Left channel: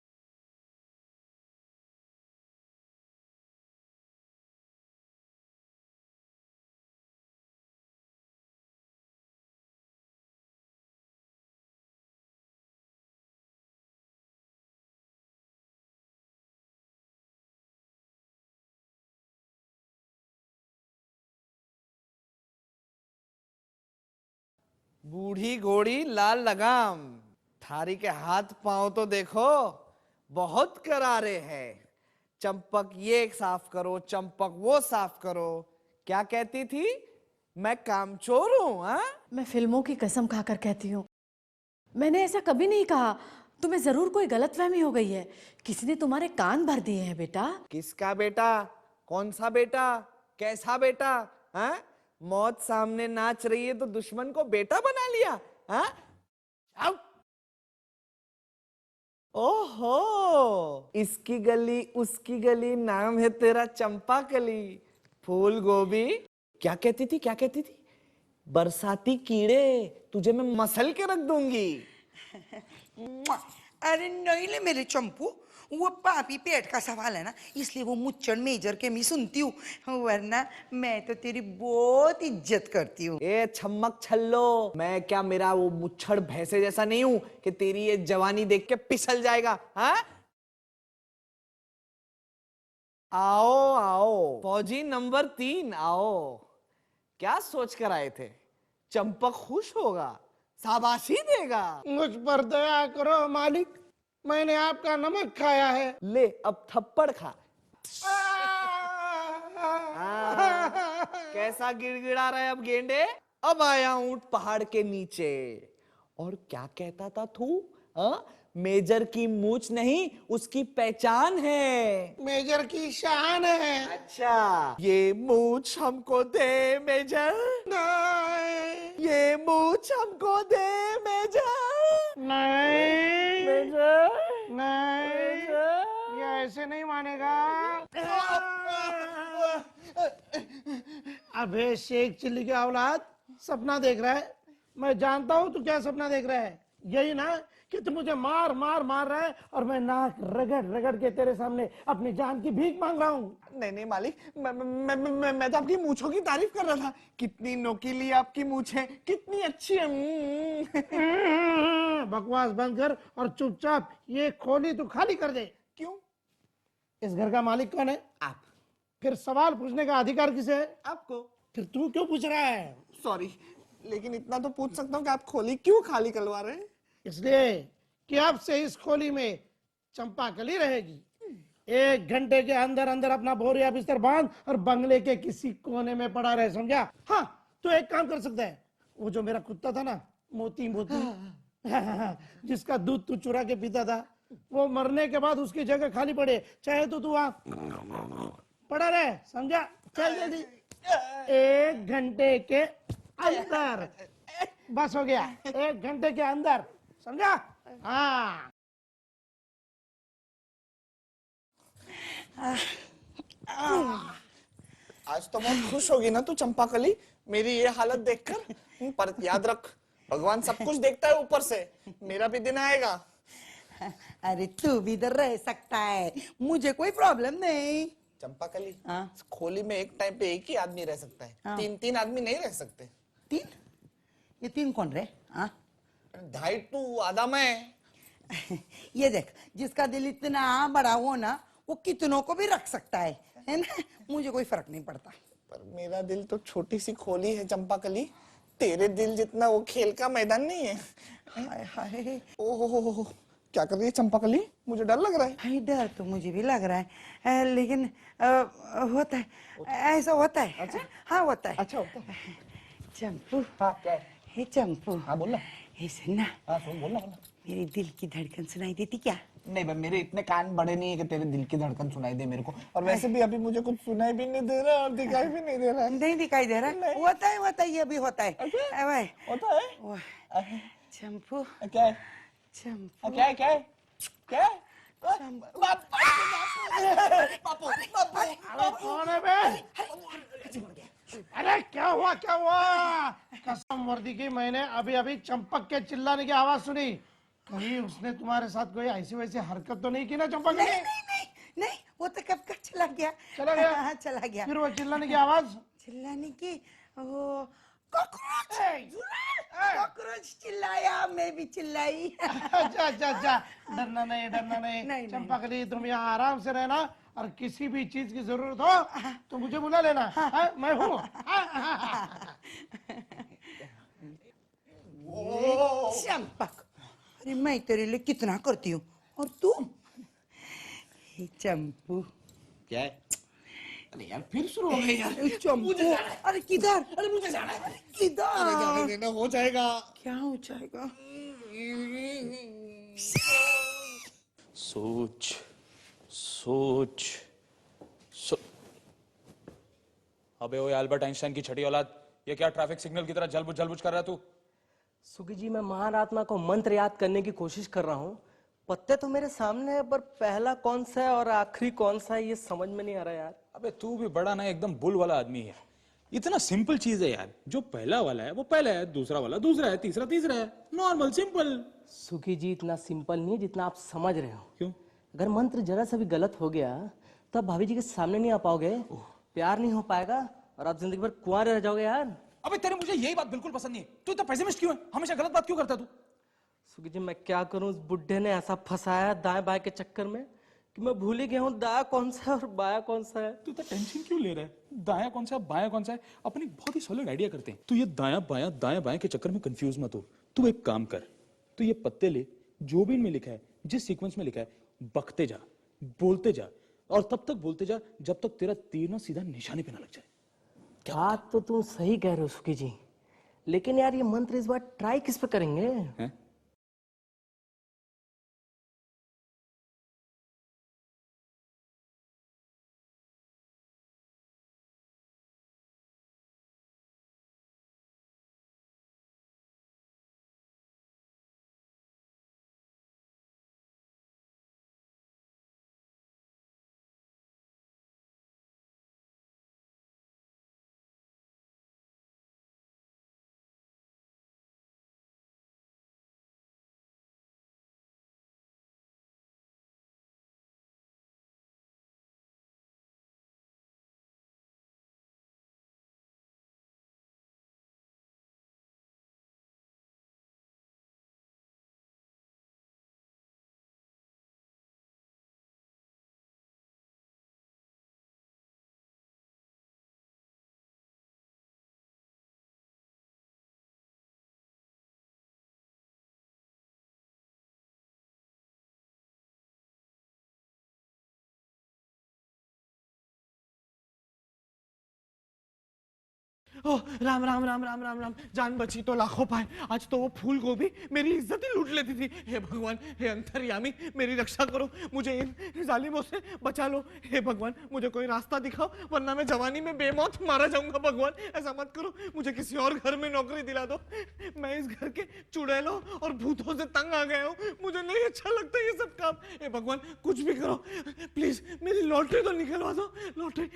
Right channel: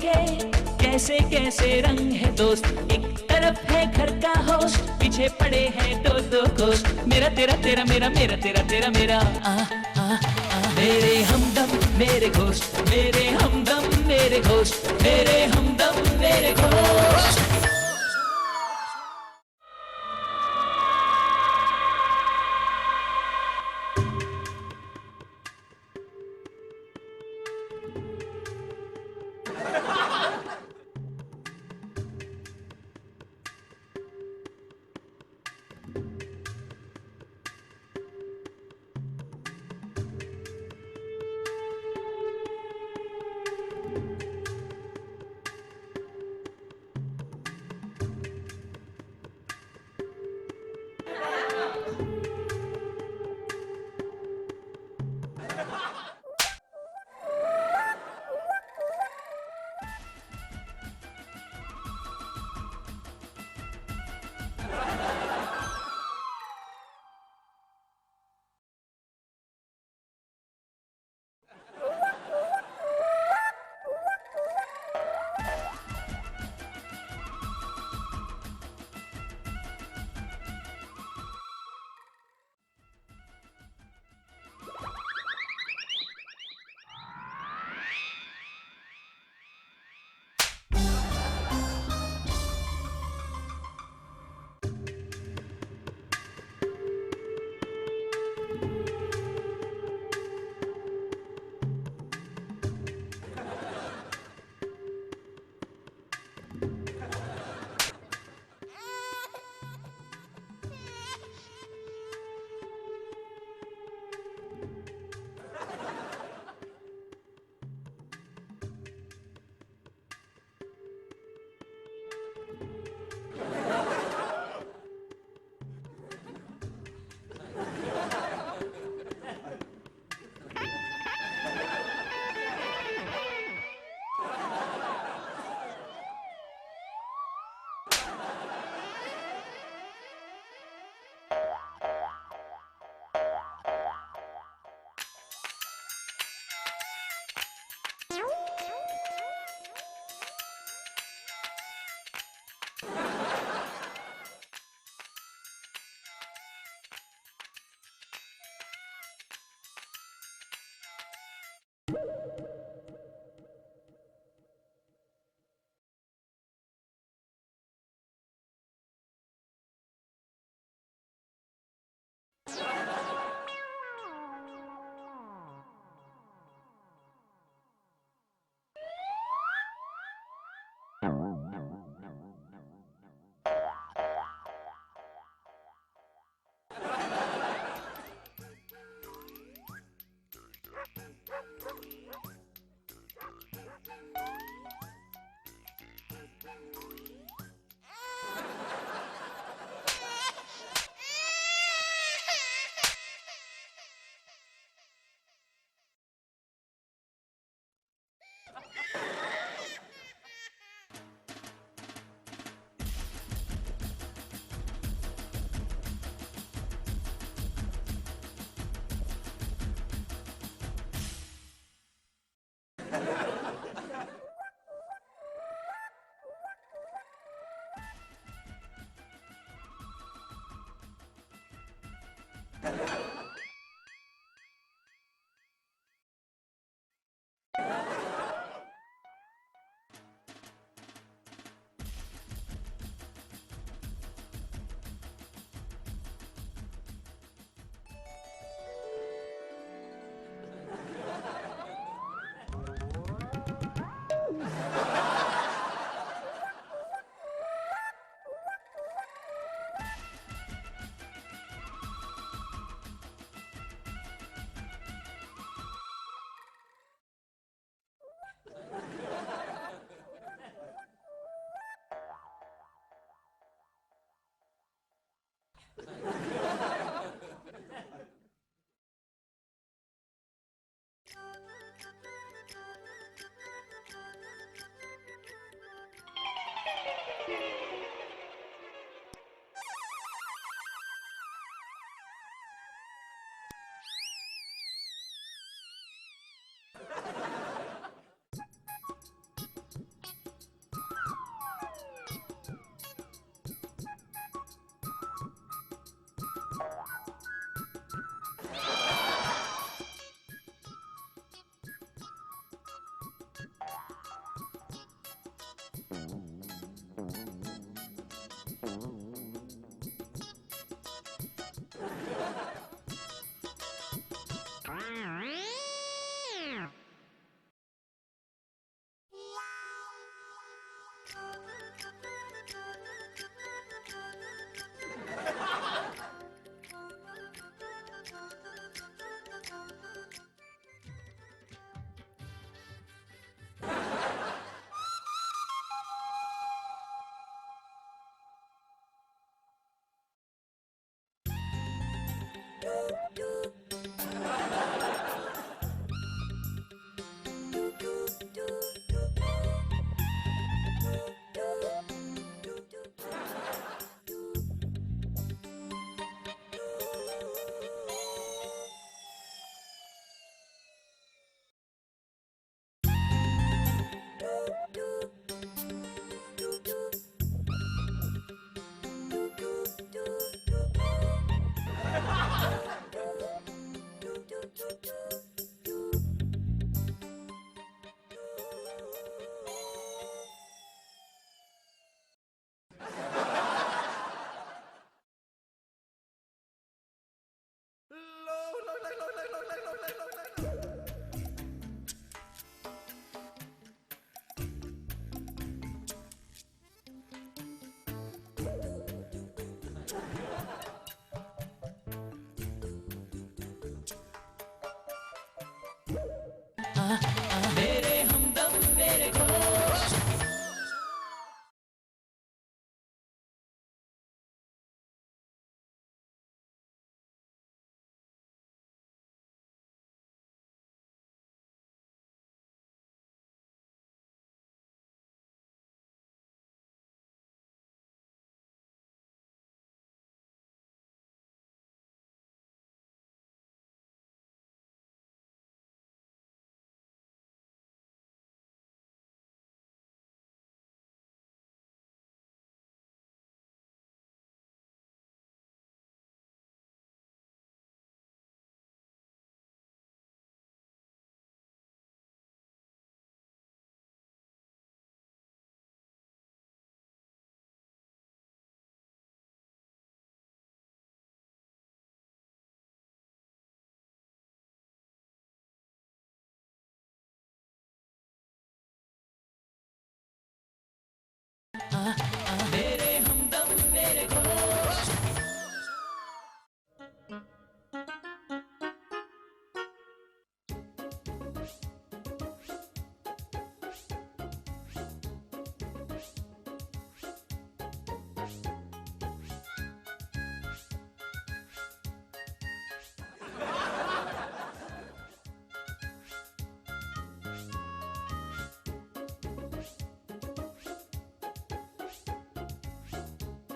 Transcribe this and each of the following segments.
के कैसे कैसे रंग है दोस्त, एक तरफ है घर का होस्ट, पीछे पड़े हैं दो दो दोस्त, मेरा तेरा तेरा मेरा, मेरा तेरा तेरा मेरा, मेरे हमदम मेरे घोस्ट, मेरे हमदम मेरे घोस्ट, मेरे हमदम मेरे घोस्ट। बूढ़ी घोड़ी लाल लगाम, थारी के हाथ पांव तो देखो बहुत करारे हैं। चंपक ये साफ करो, चंपक वो साफ करो। क्या कहती थी, मैं कामचोर हूँ? हाँ, मैं फिल्मों की कसम खाकर कहती हूँ, मैंने ऐसा कभी नहीं कहा। तुम्हें जरूर कोई गलतफहमी हो गई है, किसी ने तुम्हारे कान भर दिए हैं बेटा। किसका बेटा? कौन सा बेटा? कैसा बेटा? हाँ? मौत सामने नाच रही है तो दुश्मन को बेटा बना लिया? हाँ? ओहो, इसकी गली उसकी गली, नाम है तेरा चंपा कली। फूल गोभी, क्या कहती थी, क्या कहती थी? बरसाती कीड़े, तुझे मैं मसल के रख दूंगी। अरे नहीं ले मेरे चंपू, वो पापी पेट का सवाल है ना, इसलिए वो मुच्चड़ मेजर के मैं सुनती हूँ, वरना मैं तो तेरी बहुत इज्जत करती हूँ। ए छम्मक छल्लो, मैं क्या मेरा वो मुच्छड़ भैंसे जैसा नहीं हूँ कि तेरी ये जवानी देख के पिसल जाएगा? हाँ? आओ आओ फौजी नंबर 3, आओ। क्या सोच कर आए थे? चंपक खुश होगा, शाबाशी देगा। मुझ पर दया करो मालिक, मैंने आपका नमक खाया है। ले अब थप्पड़ खा। कैसा गिड़गिड़ा रहा है अब गेंडे? अब आया ऊंट पहाड़ के नीचे। और क्या कहता था तू? मेजर की मूछ नहीं, उसकी पहचान है। मेजर की शान है। अच्छा, ये मूछ हमको दे मेजर, ये मूछ हमको दे मेजर। नहीं मेजर, नहीं, ये ऐसे नहीं मानेगा। अबे शेख चिल्ली के औलाद, सपना देख रहा है। मैं जानता हूँ तू क्या सपना देख रहा है। यही ना कि तू मुझे मार मार मार रहा है और मैं नाक रगड़ रगड़ के तेरे सामने अपनी जान की भीख मांग रहा हूँ। नहीं नहीं मालिक, मैं तो आपकी मूछों की तारीफ कर रहा था। कितनी नोकीली आपकी मूछ है, कितनी अच्छी है। बकवास बंद कर और चुपचाप ये खोली तू खाली कर दे। क्यों? इस घर का मालिक कौन है? आप। फिर सवाल पूछने का अधिकार किसे है? आपको। फिर तू क्यों पूछ रहा है? सॉरी, लेकिन इतना तो पूछ सकता हूँ कि आप खोली क्यों खाली करवा रहे हैं? इसलिए कि अब से इस खोली में चंपा कली रहेगी। 1 घंटे के अंदर अंदर अपना बोरिया बिस्तर बांध और बंगले के किसी कोने में पड़ा रहे, समझा? हाँ, तो एक काम कर सकता है, वो जो मेरा कुत्ता था ना, मोती मोती, जिसका दूध तू चुरा के पीता था, वो मरने के बाद उसकी जगह खाली पड़े, चाहे तो तू वहां पड़ा रहे, समझा? चल जल्दी। 1 घंटे के अंदर, बस हो गया। 1 घंटे के अंदर, समझा? हाँ। आज तो बहुत खुश होगी ना तू चंपा कली, मेरी ये हालत देखकर। पर याद रख, भगवान सब कुछ देखता है ऊपर से, मेरा भी दिन आएगा। अरे तू भी इधर रह सकता है, मुझे कोई प्रॉब्लम नहीं। चंपा कली, हाँ? खोली में एक टाइम पे एक ही आदमी रह सकता है। हाँ। 3 आदमी नहीं रह सकते। 3? ये 3 कौन रहे? हाँ? 2.5 तू, आधा मैं। ये देख, जिसका दिल इतना बड़ा हो ना, वो कितनों को भी रख सकता है ना? मुझे कोई फर्क नहीं पड़ता। पर मेरा दिल तो छोटी सी खोली है चंपा कली, तेरे दिल जितना वो खेल का मैदान नहीं है। ओहो, क्या कर रही है चंपा कली? मुझे डर लग रहा है। डर तो मुझे भी लग रहा है, लेकिन होता है, ऐसा होता है। अच्छा? हाँ होता है। अच्छा होता है। चंपू, हाँ क्या है? हे चंपू, हाँ बोल ना। हे सुनना, हाँ सुन, बोल ना, बोल ना। मेरे दिल की धड़कन सुनाई देती क्या? नहीं भाई, मेरे इतने कान बड़े नहीं है कि तेरे दिल की धड़कन सुनाई दे मेरे को, और वैसे भी अभी मुझे कुछ सुनाई भी नहीं दे रहा और दिखाई भी नहीं दे रहा। नहीं दिखाई दे रहा? होता है, ये भी होता है। होता है? चंपू, क्या है? चंपू, क्या है? क्या है? क्या है? कौन है बे? अरे क्या हुआ, क्या हुआ? कसम वर्दी की, मैंने अभी अभी चंपक के चिल्लाने की आवाज सुनी। नहीं, उसने तुम्हारे साथ कोई ऐसी वैसी हरकत तो नहीं की ना चंपा कली? नहीं, वो तो कब का चला गया। चला गया? हाँ, चला गया। फिर वो चिल्लाने की आवाज? चिल्लाने की वो कॉकरोच चिल्लाया, मैं भी चिल्लाई। अच्छा अच्छा अच्छा, डरना नहीं, डरना नहीं। नहीं। चंपा कली, तुम यहाँ आराम से रहना और किसी भी चीज की जरूरत हो तो मुझे बुला लेना। मैं हूँ। चंपा, अरे मैं तेरे लिए कितना करती हूँ और तू? चंपू, क्या है? अरे यार फिर शुरू हो गई यार। चंपू, अरे किधर? अरे मुझे जाना है। किधर? देना हो जाएगा। क्या हो जाएगा? सोच सोच सो... अबे वो एल्बर्ट आइंस्टाइन की छठी औलाद, ये क्या ट्रैफिक सिग्नल की तरह जलबुझ कर रहा है तू? जी, मैं महारात्मा को मंत्र याद करने की कोशिश कर रहा हूँ। पत्ते तो मेरे सामने है, पर पहला कौन सा है और आखिरी कौन सा है ये समझ में नहीं आ रहा यार। अबे तू भी बड़ा ना एकदम बुल वाला आदमी है। इतना सिंपल चीज है यार, जो पहला वाला है वो पहला है, दूसरा वाला दूसरा है, तीसरा तीसरा है। Normal simple. सुखी जी, इतना सिंपल नहीं है जितना आप समझ रहे हैं। क्यों? अगर मंत्र जरा सा भी गलत हो गया तब भाभी जी के सामने नहीं आ पाओगे, प्यार नहीं हो पाएगा और आप दिन भर कुंवारे रह जाओगे यार। अबे तेरे मुझे यही बात बिल्कुल पसंद नहीं। तू इतना पेसिमिस्ट क्यों है? हमेशा गलत बात क्यों करता तू? सुखी जी, मैं क्या करूं, उस बुड्ढे ने ऐसा फंसाया दाएं बाएं के चक्कर में कि मैं भूल ही गया हूँ दाया कौन सा है और बाया कौन सा है। टेंशन क्यों ले रहा है? दाया कौन सा है बाया कौन सा है, अपन एक बहुत ही सॉलिड आइडिया करते हैं। तू ये दाया बाया के चक्कर में कंफ्यूज मत हो। तू एक काम कर, तू ये पत्ते ले, जो भी इनमें लिखा है, जिस सीक्वेंस में लिखा है, बकते जा, बोलते जा और तब तक बोलते जा जब तक तेरा तीर ना सीधा निशाने पे ना लग जाए। बात तो तुम सही कह रहे हो सुखी जी, लेकिन यार ये मंत्र इस बार ट्राई किस पे करेंगे? हैं? ओह, राम राम राम राम राम राम, जान बची तो लाखों पाए। आज तो वो फूल गोभी मेरी इज्जत ही लूट लेती थी। हे भगवान, हे अंतर्यामी, मेरी रक्षा करो, मुझे इन जालिमों से बचा लो। हे भगवान, मुझे कोई रास्ता दिखाओ, वरना मैं जवानी में बेमौत मारा जाऊंगा। भगवान, ऐसा मत करो, मुझे किसी और घर में नौकरी दिला दो। मैं इस घर के चुड़ैलों और भूतों से तंग आ गया हूँ, मुझे नहीं अच्छा लगता ये सब काम। हे भगवान, कुछ भी करो, प्लीज मेरी लॉटरी तो निकलवा दो। लॉटरी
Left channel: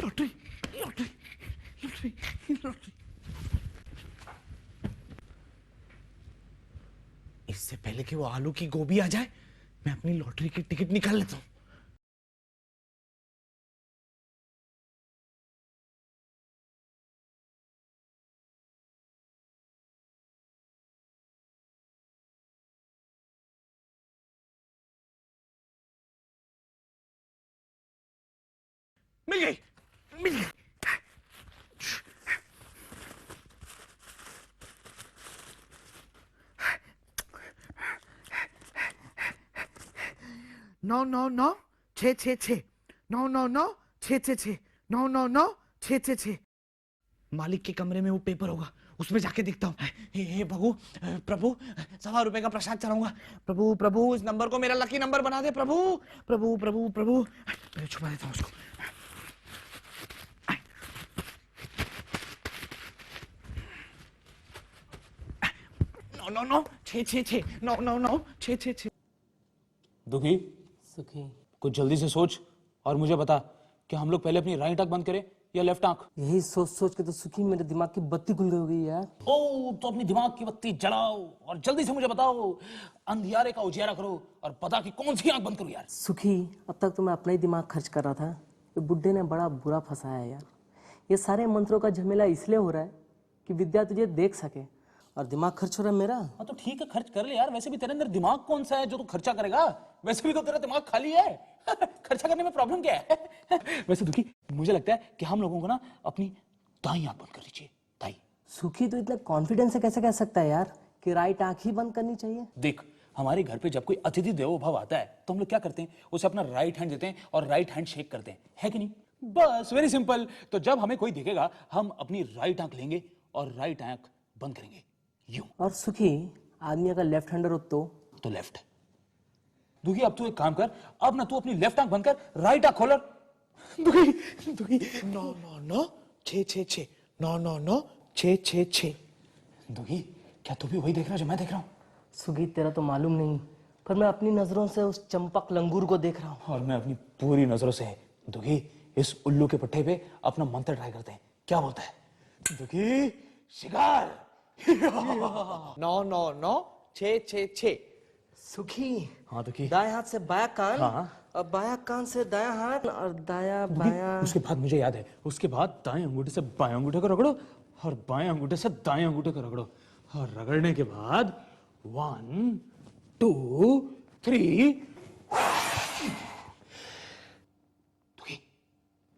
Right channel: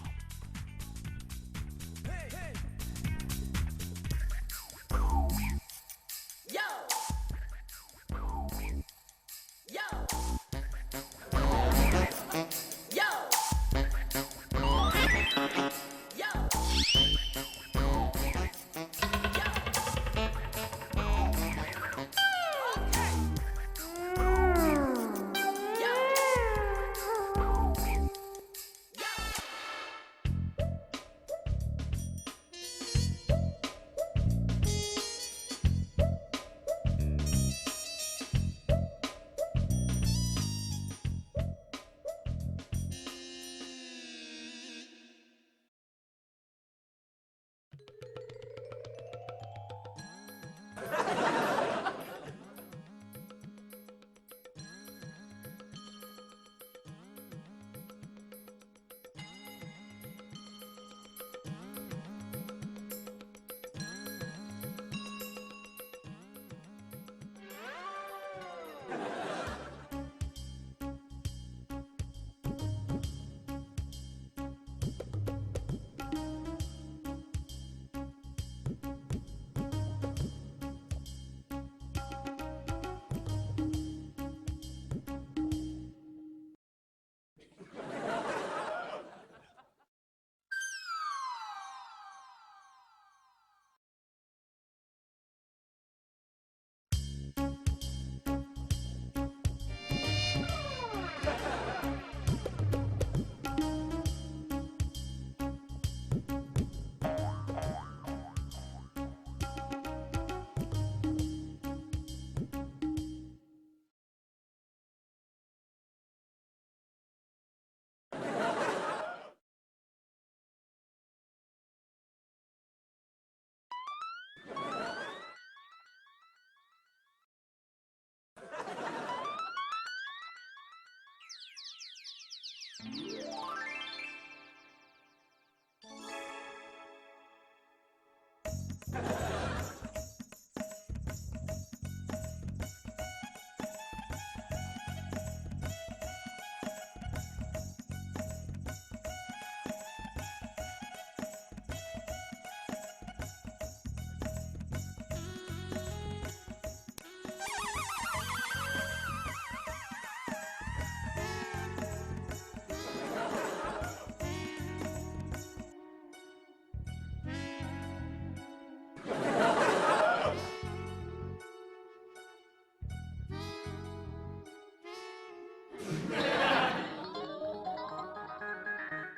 लॉटरी लॉटरी इससे पहले कि वो आलू की गोभी आ जाए, मैं अपनी लॉटरी की टिकट निकाल लेता हूँ। मिल गई, मिल गई। नौ नौ नौ छः छः छः, नौ नौ नौ छः छः छः, नौ नौ नौ छः छः छः। मालिक के कमरे में वो पेपर होगा, उसमें जाके दिखता हूँ। हे प्रभु, प्रभु 100 रुपए का प्रसाद चढ़ाऊंगा। प्रभु प्रभु, इस नंबर को मेरा लकी नंबर बना दे। प्रभु प्रभु प्रभु प्रभु, मैं छुपा देता हूँ उसको। नौ नौ नौ छः छः छः, नौ नौ नौ छः छः छः। दुखी, सुखी, कुछ जल्दी से सोच और मुझे बता, कि हम लोग पहले अपनी राइट आंख बंद करें या लेफ्ट आंख? यही सोच सोच के तो सुखी मेरे दिमाग की बत्ती गुल हो गई यार। ओ तो अपनी दिमाग की बत्ती जलाओ और जल्दी से मुझे बताओ, अंधियारे का उजियारा करो और पता कि कौन सी आंख बंद करूं यार। सुखी, अब तक तो मैं अपना ही दिमाग खर्च कर रहा था, तो बुड्ढे ने बड़ा बुरा फंसाया यार। ये सारे मंत्रों का झमेला इसलिए हो रहा है कि विद्या तुझे देख सके, और दिमाग खर्च हो रहा है मेरा। हाँ तो ठीक है, खर्च कर ले यार। वैसे भी तेरे अंदर दिमाग कौन सा है जो तू खर्चा करेगा? वैसे भी तो तेरा दिमाग खाली है। खर्चा करने में प्रॉब्लम क्या है? वैसे दुखी, मुझे लगता है कि हम लोगों को ना अपनी दाईं आंख बंद करनी चाहिए। दाईं। सुखी तो इतना कॉन्फिडेंस से कैसे कह सकता है यार कि राइट आंख ही बंद करनी चाहिए? देख, हमारे घर पे जब कोई अतिथि देवो भव आता है तो हम लोग क्या करते हैं, उसे अपना राइट हैंड देते हैं और राइट हैंड शेक करते हैं, है कि नहीं? बस, वेरी सिंपल। तो जब हमें कोई दिखेगा हम अपनी राइट आंख लेंगे और राइट आंख बंद करेंगे, यूं। और सुखी, आदमी अगर लेफ्ट हैंडर हो तो लेफ्ट। दुखी, अब तू एक काम कर, अब ना तू अपनी लेफ्ट आंख बंद कर, राइट आंख खोल। दुखी दुखी, 9 9 9 6 6 6 9 9 9 6 6 6। दुखी, क्या तू भी वही देख रहा है जो मैं देख रहा हूँ? सुखी, तेरा तो मालूम नहीं, पर मैं अपनी नजरों से उस चंपक लंगूर को देख रहा हूँ। और मैं अपनी पूरी नजरों से दुखी इस उल्लू के पट्टे पे अपना मंत्र ट्राई करते हैं। क्या बोलता है? दुखी, शिकार। 9 9 9 6 6 6। सुखी, हाँ दुखी। दाएं हाथ से बायां कान, हाँ। और बायां कान से दायां हाथ, और दायां बायां। उसके बाद मुझे याद है, उसके बाद दाएं अंगूठे से बाएं अंगूठे को रगड़ो और बाएं अंगूठे से दाएं अंगूठे को रगड़ो। रगड़ने के बाद 1 2 3।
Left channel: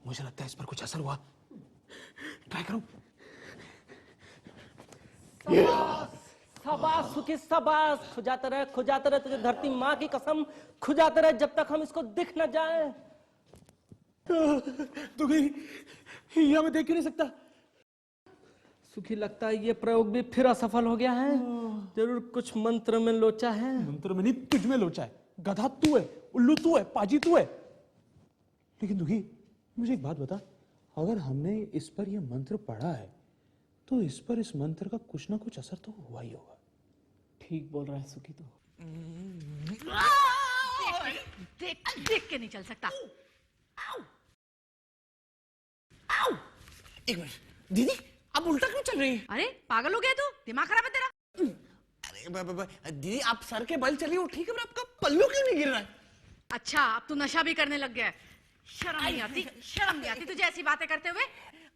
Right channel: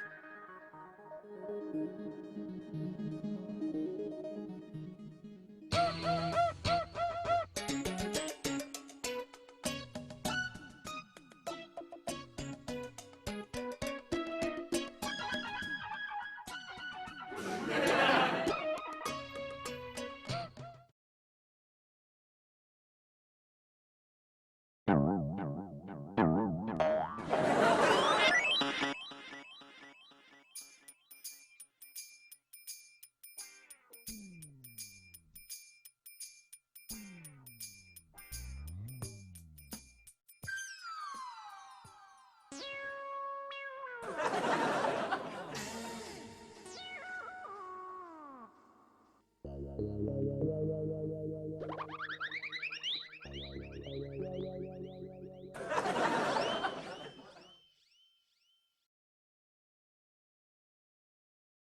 मुझे लगता है इस पर कुछ असर हुआ। ट्राई करो। शाबाश सुखी, शाबाश। खुजाते रहे, तुझे धरती माँ की कसम, खुजाते रहे जब तक हम इसको दिख न जाए। तो फिर यह मैं देख क्यों नहीं सकता? तुझे लगता है ये प्रयोग भी फिर असफल हो गया है? जरूर कुछ मंत्र में लोचा है। मंत्र में नहीं, तुझ में लोचा है। गधा तू है, उल्लू तू है, पाजी तू है। लेकिन दुखी, मुझे एक बात बता, अगर हमने इस पर यह मंत्र पढ़ा है तो इस पर इस मंत्र का कुछ ना कुछ असर तो हुआ ही होगा। ठीक बोल रहा है सुखी। देख देख के नहीं चल सकता। एक मिनट दीदी, अब उल्टा क्यों चल रही है? अरे पागल हो गया तू? दिमाग खराब है तेरा? दीदी आप सर के बल चली हो ठीक है, पर आपका पल्लू क्यों नहीं गिर रहा? अच्छा, अब तू नशा भी करने लग गया है। शर्म नहीं आती? शर्म नहीं आती तुझे ऐसी बातें करते हुए?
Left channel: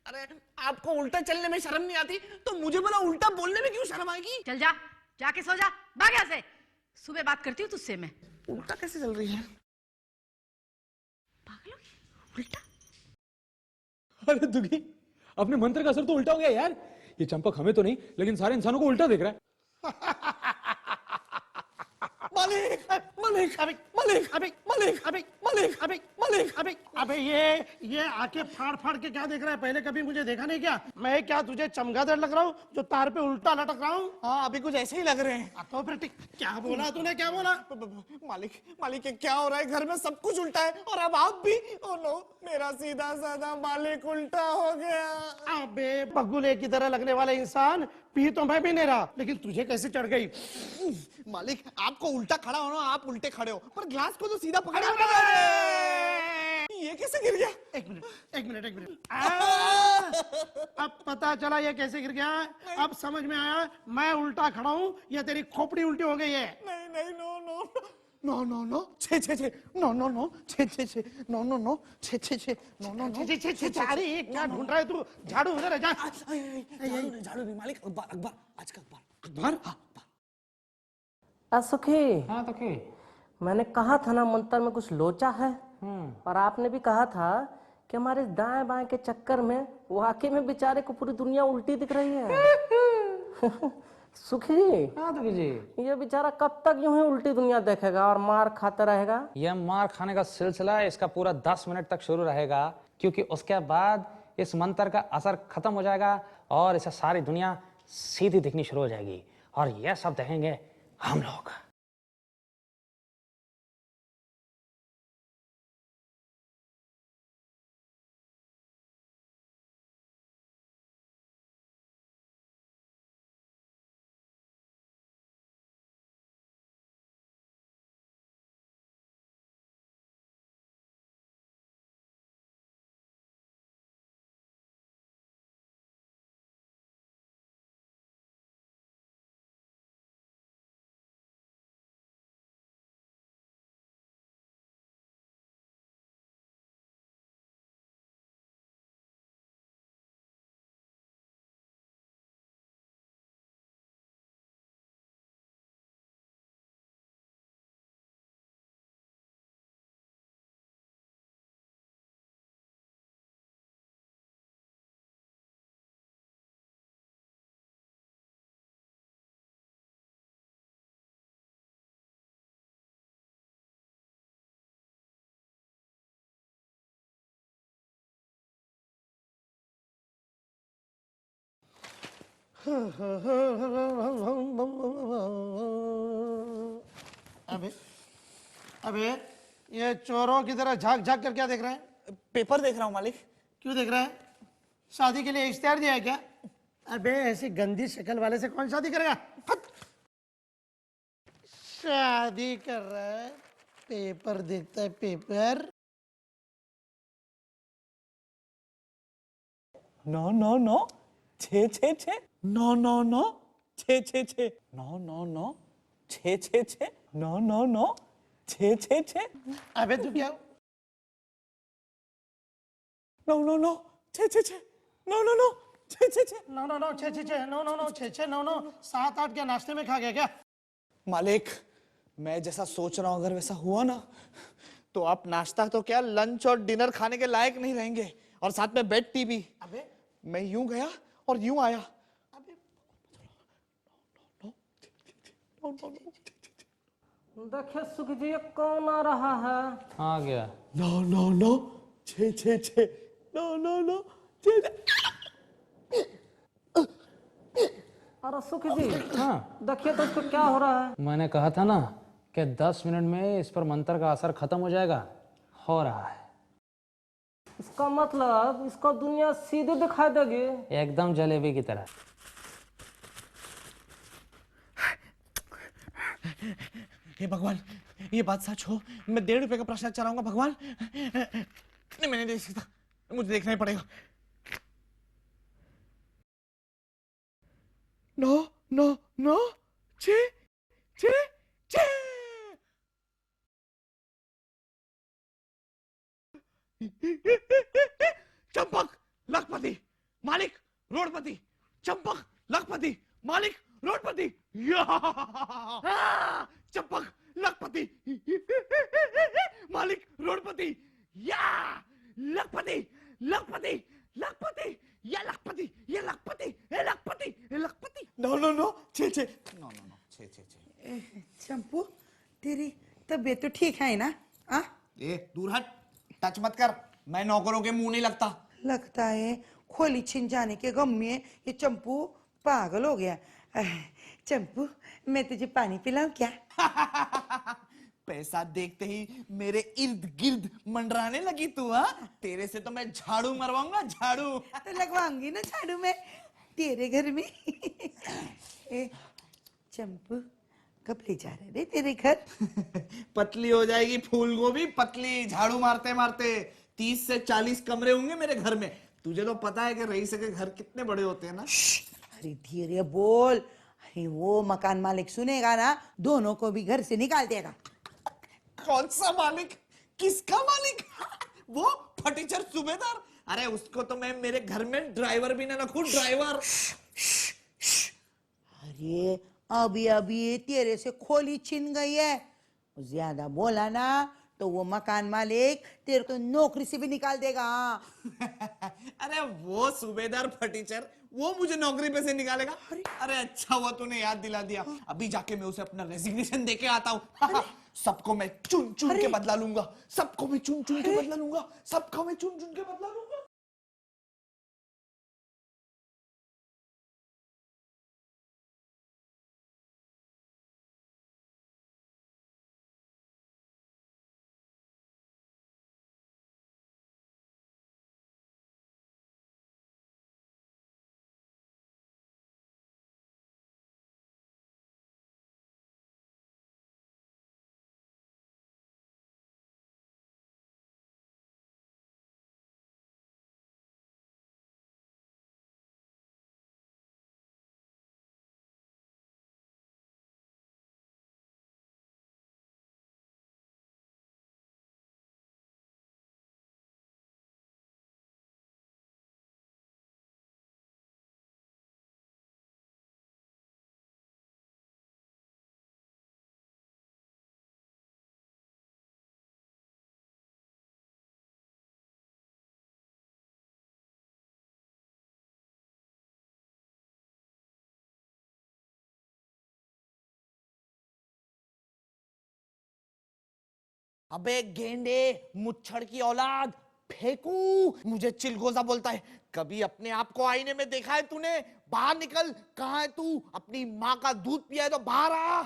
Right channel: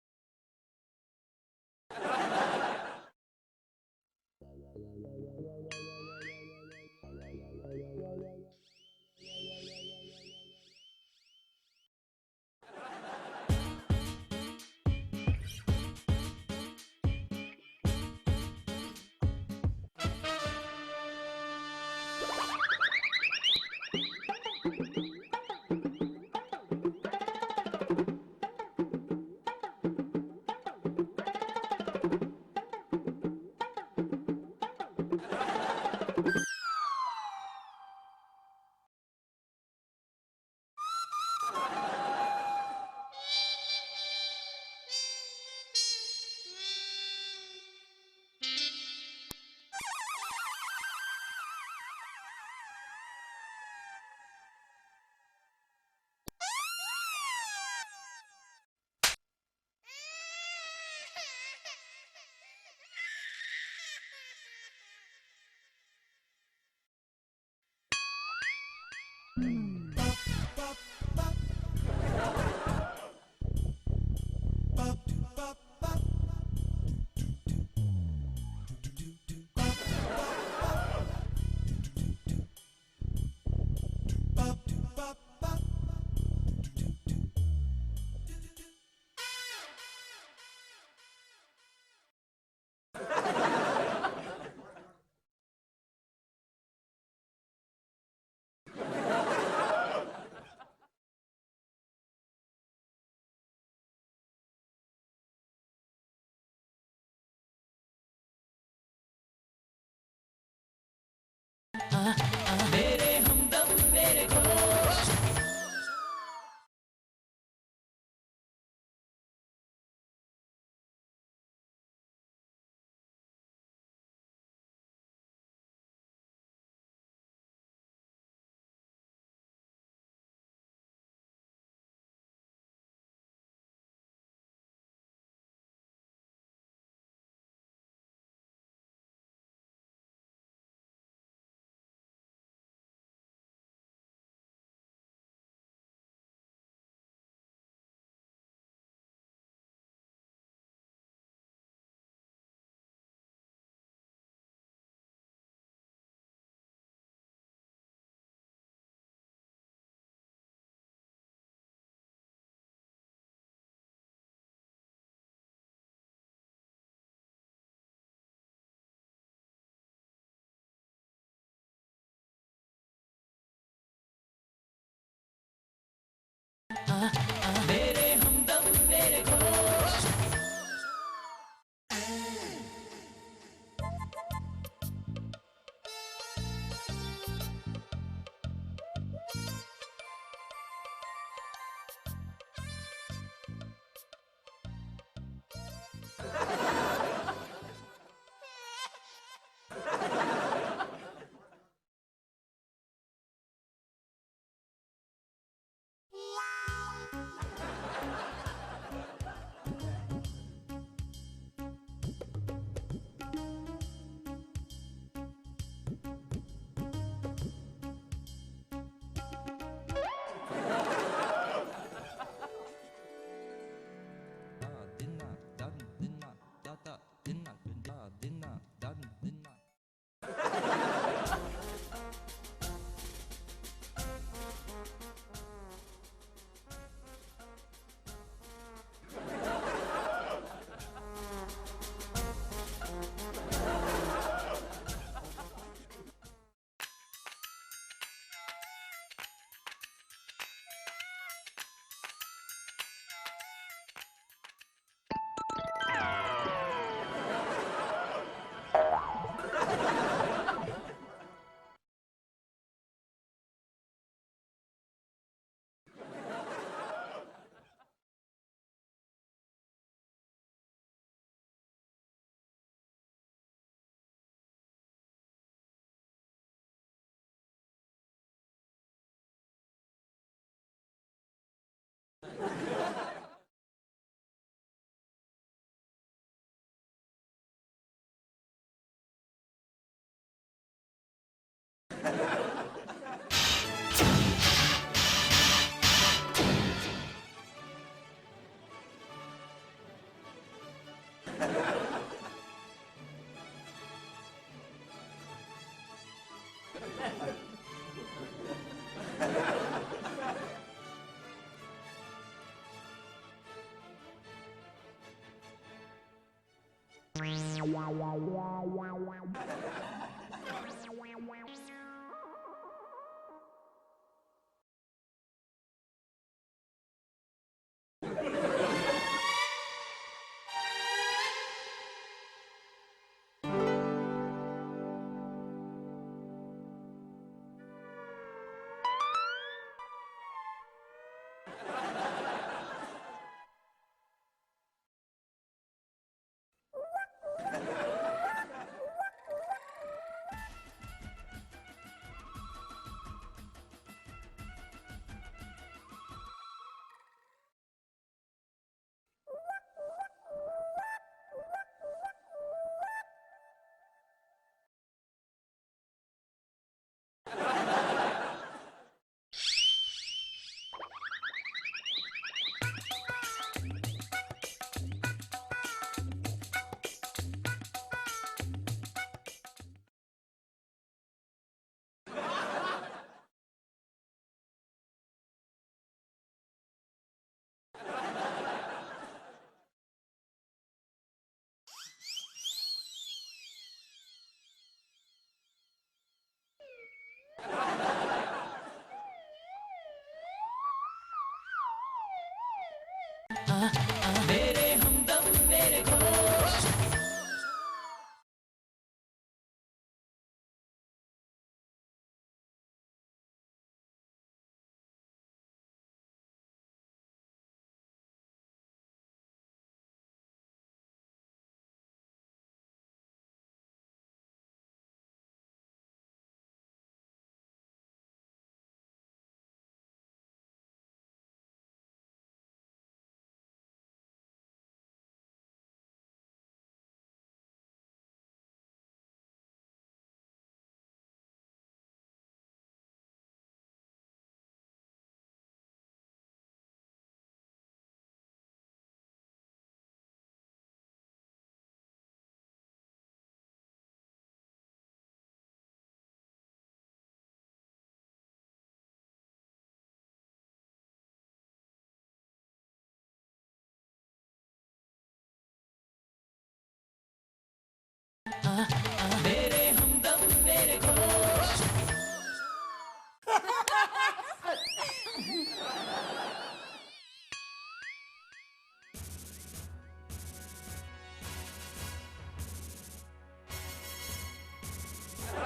अरे आपको उल्टा चलने में शर्म नहीं आती तो मुझे बोला उल्टा बोलने में क्यों शर्म आएगी? चल जा, जाके सो जा, भाग यहाँ से। सुबह बात करती हूँ तुझसे मैं। उल्टा कैसे चल रही है? पागल हो गई? उल्टा? अरे दुखी, अपने मंत्र का असर तो उल्टा हो गया यार। ये चंपक हमें तो नहीं, लेकिन सारे इंसानों को उल्टा देख रहा है। अबे ये आके फाड़ फाड़ के क्या देख रहा है? पहले कभी मुझे देखा नहीं क्या? मैं क्या तुझे चमगादड़ लग रहा हूँ तो तार पे उल्टा लटक रहा हूँ? हाँ अभी कुछ ऐसे ही लग रहे हैं। तो फिर क्या बोला तूने? क्या बोला? मालिक मालिक ये क्या हो रहा है? घर में सब कुछ उल्टा है और अब आप भी। मेरा सीधा साधा मालिक उल्टा हो गया। अबे बगुले की तरह लगने वाले इंसान, पी तो मैं भी नहीं रहा, लेकिन तुझे कैसे चढ़ गई? मालिक आपको उल्टा खड़ा होना, आप उल्टे खड़े हो, पर ग्लास को तो सीधा पकड़े हो। ये कैसे गिर गया? एक मिनट। अब पता चला ये कैसे गिर गया। अब समझ में आया, मैं उल्टा खड़ा हूँ या तेरी खोपड़ी उल्टी हो गई है? नहीं नहीं no no no no no छे छे छे नो नो नो छे छे छे नो नो नो छे छे छे नो नो छे छे छे छे। अरे ये क्या ढूंढ रहा है तू? झाड़ू उधर है, जा। झाड़ू नहीं मालिक, अखबार आज का अखबार। सुखी, हाँ दुखी, मैंने कहा था ना मंत्र में कुछ लोचा है, पर आपने भी कहा था कि हमारे दाएं बाएं के चक्कर में वाकई में बेचारे को पूरी दुनिया उल्टी दिख रही है। सुखी, हाँ दुखी जी, ये बेचारा कब तक यूं ही उल्टी दुनिया देखेगा और मार खाता रहेगा? ये मार खाने का सिलसिला इसका पूरा 10 मिनट तक शुरू रहेगा, क्योंकि उसके बाद इस मंत्र का असर खत्म हो जाएगा और इसे सारी दुनिया सीधी दिखनी शुरू हो जाएगी और ये सब देखेंगे हम लोग। अबे अबे ये चोरों की तरह झांक झांक कर क्या देख रहे हैं? पेपर देख रहा हूँ मालिक। क्यों देख रहे हैं? शादी के लिए इश्तेहार दिया है क्या? अबे ऐसी गंदी शक्ल वाले से कौन शादी करेगा? शादी कर रहा है, पेपर देखता है, पेपर। नो नो नो, छे छे छे, नो नो नो, छे छे छे, नो नो नो, छे छे छे, नो नो नो, छे छे छे। अबे तू क्या? नो नो नो, छे छे छे, नो नो नो, छे छे छे। नो नो नो, छे छे छे, नो नो नो, छे छे, नो नो, 7-8 क्या नाश्ते में खा गया क्या? मालिक, मैं जैसा सोच रहा हूँ अगर वैसा हुआ ना, तो आप नाश्ता तो क्या लंच और डिनर खाने के लायक नहीं रहेंगे, और साथ में बेड टी भी। मैं यूं गया और यूं आया। देखिए सुखजी, कौन आ रहा है? आ गया। नो नो नो, छे छे छे, नो नो नो, छे छे। अरे सुखजी, हाँ देखिए तो इसको क्या हो रहा है? मैंने कहा था ना कि 10 मिनट में इस पर मंत्र का असर खत्म हो जाएगा। हो रहा है। इसका मतलब इसको दुनिया सीधी दिखाई देगी। एकदम जलेबी की तरह। हे भगवान, ये बात सच हो, मैं 1.5 रुपए का प्रसाद चढ़ाऊंगा भगवान। नहीं, मैंने देख सकता, मुझे देखना ही पड़ेगा। नो नो नो, छे छे छे। चंपक लखपति मालिक रोडपति, चंपक लखपति मालिक रोडपति। चंपक लखपति मालिक रोडपति, या लखपति लखपति लखपति, या लखपति, ये लखपति, ये लखपति, ये लखपति। नो नो नो, छे छे। चंपू, तेरी तबीयत तो ठीक है ना? आ? ए दूर हट, टच मत कर, मैं नौकरों के मुंह नहीं लगता। लगता है खोली छिन जाने के गम में ये चंपू पागल हो गया। चंपू, मैं तुझे पानी पिलाऊं क्या? पैसा देखते ही मेरे इर्द गिर्द मंडराने लगी तू, हाँ? तेरे से तो मैं झाड़ू मरवाऊंगा, झाड़ू। तो लगवाऊंगी ना झाड़ू में तेरे घर में। ए, चंपू, कब ले जा रहे तेरे घर? पतली हो जाएगी फूल गोभी, पतली, झाड़ू मारते मारते। 30 से 40 कमरे होंगे मेरे घर में। तुझे तो पता है कि रईस के घर कितने बड़े होते हैं ना। अरे धीरे बोल, अरे वो मकान मालिक सुनेगा ना, दोनों को भी घर से निकाल देना। कौन सा मालिक? किसका मालिक? वो फटीचर सूबेदार? अरे उसको तो मैं मेरे घर में ड्राइवर भी ना रखूं, ड्राइवर। ये अभी अभी तेरे से खोली छिन गई है, ज्यादा बोला ना तो वो मकान मालिक तेरे को नौकरी से भी निकाल देगा। अरे वो सूबेदार फटीचर, वो मुझे नौकरी पे से निकालेगा? अरे अच्छा हुआ तूने याद दिला दिया, अभी जाके मैं उसे अपना रेजिग्नेशन देके आता हूँ। सबको मैं चुन चुन के बदला लूंगा, सबको मैं चुन चुन के बदला लूंगा, सबको मैं चुन चुन के बदला लूंगा। मेरे हमदम मेरे घोष। मेरे हमदम मेरे घोष। अबे गेंडे, मुच्छर की औलाद, फेंकू? मुझे चिलगोजा बोलता है। कभी अपने आप को आईने में देखा है तूने? बाहर निकल। कहाँ है तू? अपनी माँ का दूध पिया है तो बाहर आ।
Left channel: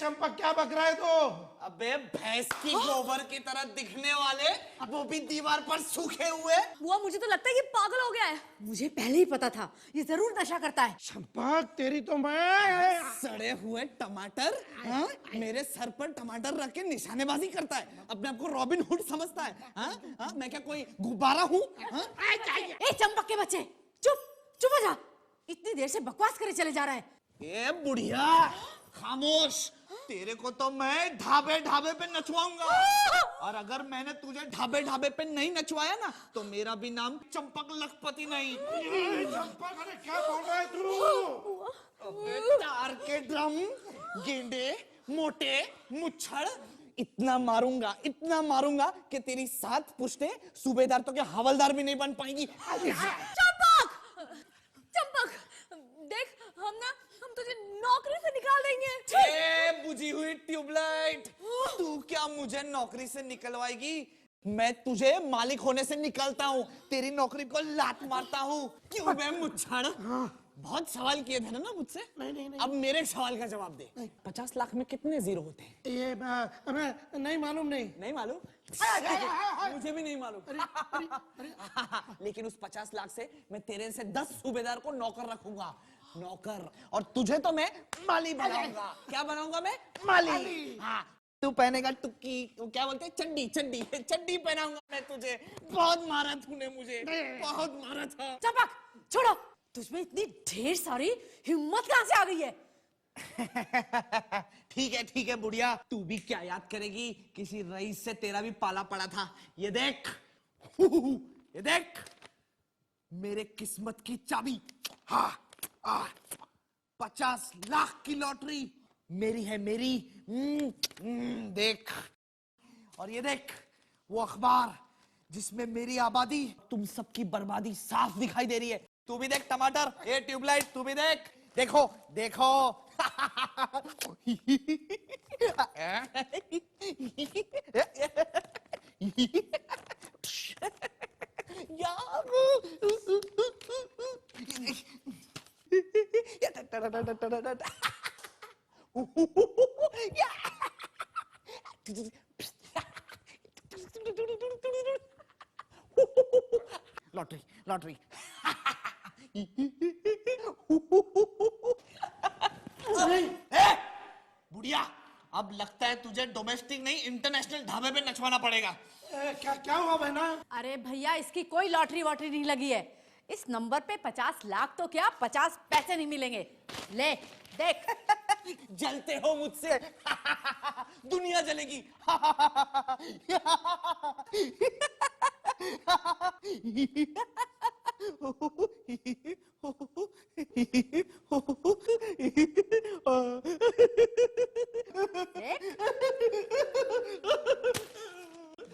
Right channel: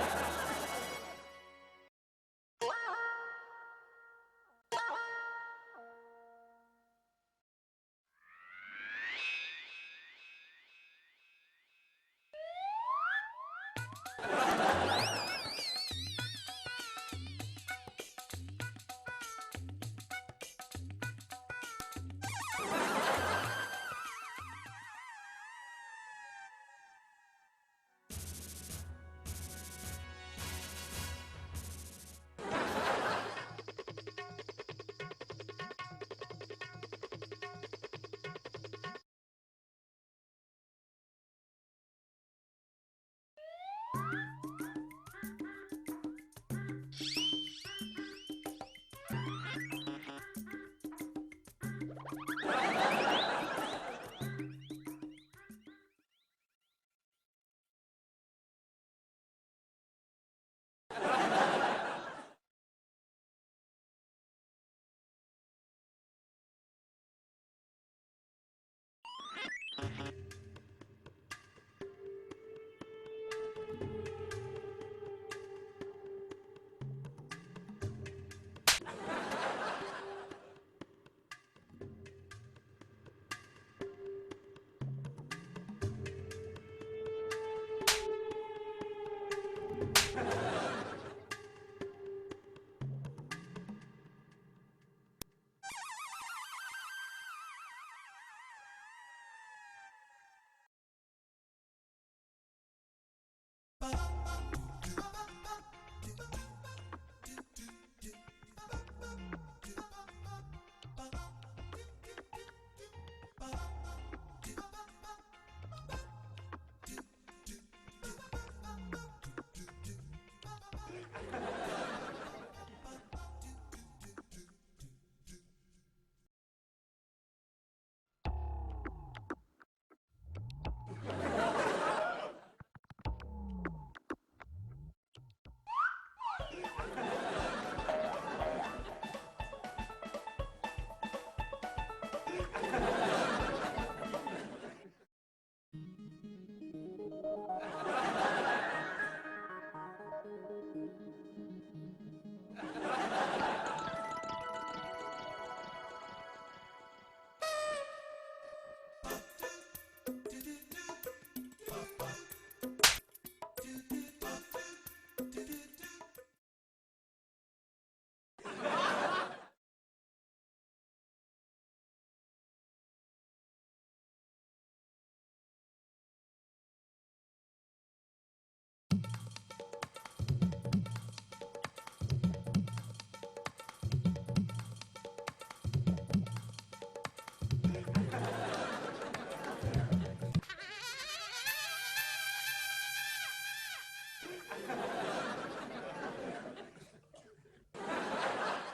चंपक क्या बक रहा है तो? अबे भैंस की गोबर की तरह दिखने वाले, वो भी दीवार पर सूखे हुए। बुआ मुझे तो लगता है ये पागल हो गया है। मुझे पहले ही पता था ये जरूर नशा करता है। चंपक तेरी तो मैं सड़े हुए टमाटर, हाँ? मेरे सर पर टमाटर रख के निशानेबाजी करता है। अपने आप को रॉबिन हुड समझता है। हाँ? हाँ? मैं क्या कोई गुब्बारा हूँ? हाँ? ए चंपक के बच्चे, चुप हो जा। इतनी देर से बकवास करे चले जा रहा है। ए बुढ़िया, खामोश। तेरे को तो मैं ढाबे ढाबे पे नचवाऊंगा, और अगर मैंने तुझे ढाबे ढाबे पे नहीं नचवाया ना तो मेरा भी नाम चंपक लखपति नहीं। चंपक, अरे क्या बोल रहा है तू? अबे तार के ड्रम, गेंडे, मोटे, मुच्छड़, इतना मारूंगा कि तेरी 7 पुश्ते सूबेदार तो क्या हवलदार भी नहीं बन पाएंगी। चंपक, देख हम तुझे नौकरी से निकाल देंगे। ए बुझी हुई ट्यूबलाइट, तू क्या मुझे नौकरी से निकलवाएगी? मैं तुझे मालिक होने से निकलता हूँ, तेरी नौकरी को लात मारता हूँ। क्यों बे मुच्छड़? बहुत सवाल किए थे ना मुझसे। नहीं। अब मेरे सवाल का जवाब दे। 50 लाख में कितने जीरो होते हैं? ये हमें नहीं मालूम। नहीं मालूम? मुझे भी नहीं मालूम। लेकिन उस 50 लाख से मैं तेरे से 10 सूबेदार को नौकर रखूंगा, नौकर। और तुझे तो मैं माली बनाऊंगा। क्या बनाऊंगा मैं? माली। तू पहनेगा टुक्की, तू क्या बोलते हैं, चड्डी पहनाऊंगा मैं तुझे। बहुत मारा तूने मुझे, बहुत मारा था। चंपक छोड़ो, तुझमें इतनी ढेर सारी हिम्मत कहाँ से आ गई है? ठीक है बुढ़िया, तू भी क्या याद करेगी? किसी रईस से तेरा भी पाला पड़ा था। ये देख मेरे किस्मत की चाबी। 50 लाख की लॉटरी मेरी है, मेरी। देख, और ये देख वो अखबार जिसमें मेरी आबादी, तुम सबकी बर्बादी साफ दिखाई दे रही है। तू भी देख टमाटर, ए ट्यूबलाइट, तू भी देख। देखो लॉटरी। बुढ़िया, अब लगता है तुझे डोमेस्टिक नहीं इंटरनेशनल ढाबे पे नचवाना पड़ेगा। क्या हुआ बहना? अरे भैया, इसकी कोई लॉटरी वॉटरी नहीं लगी है। इस नंबर पे 50 लाख तो क्या 50 पैसे नहीं मिलेंगे। ले देख। जलते हो मुझसे। दुनिया जलेगी।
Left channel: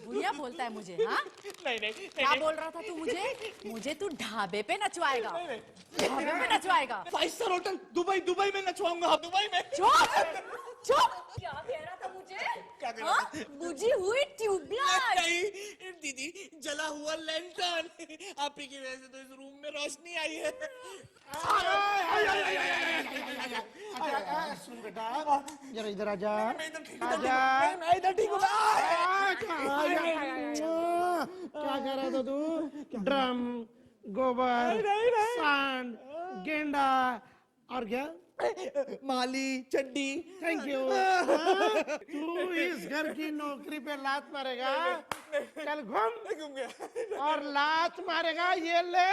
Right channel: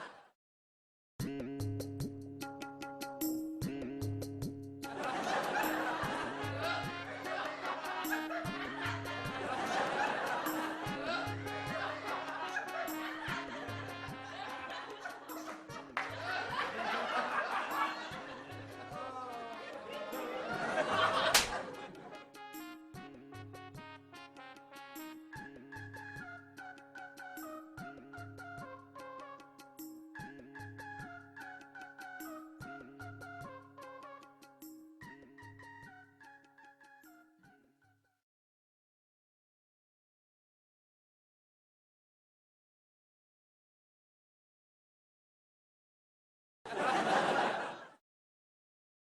भैया बोलता है मुझे, हाँ? नहीं। क्या बोल रहा था तू मुझे तू ढाबे पे नचवाएगा, ढाबे पे नचवाएगा। 5 स्टार होटल दुबई में नचवाऊंगा। दुबई में। चुप। हाँ? बुझी हुई ट्यूबलाइट। नहीं दीदी, जला हुआ लैंटर्न, आप ही की वजह से रूम में रोशनी आई है। सुन बेटा, जरा इधर आजा। मैं इधर ठीक हूँ। क्या कर रहा था तू? ड्रम, गोबर, सांड, गेंडा और क्या? माली, चड्डी। Thank you. तू इस घर की नौकरी पे लात मारेगा, चल घूम गया, और लात मारेगा, ये ले।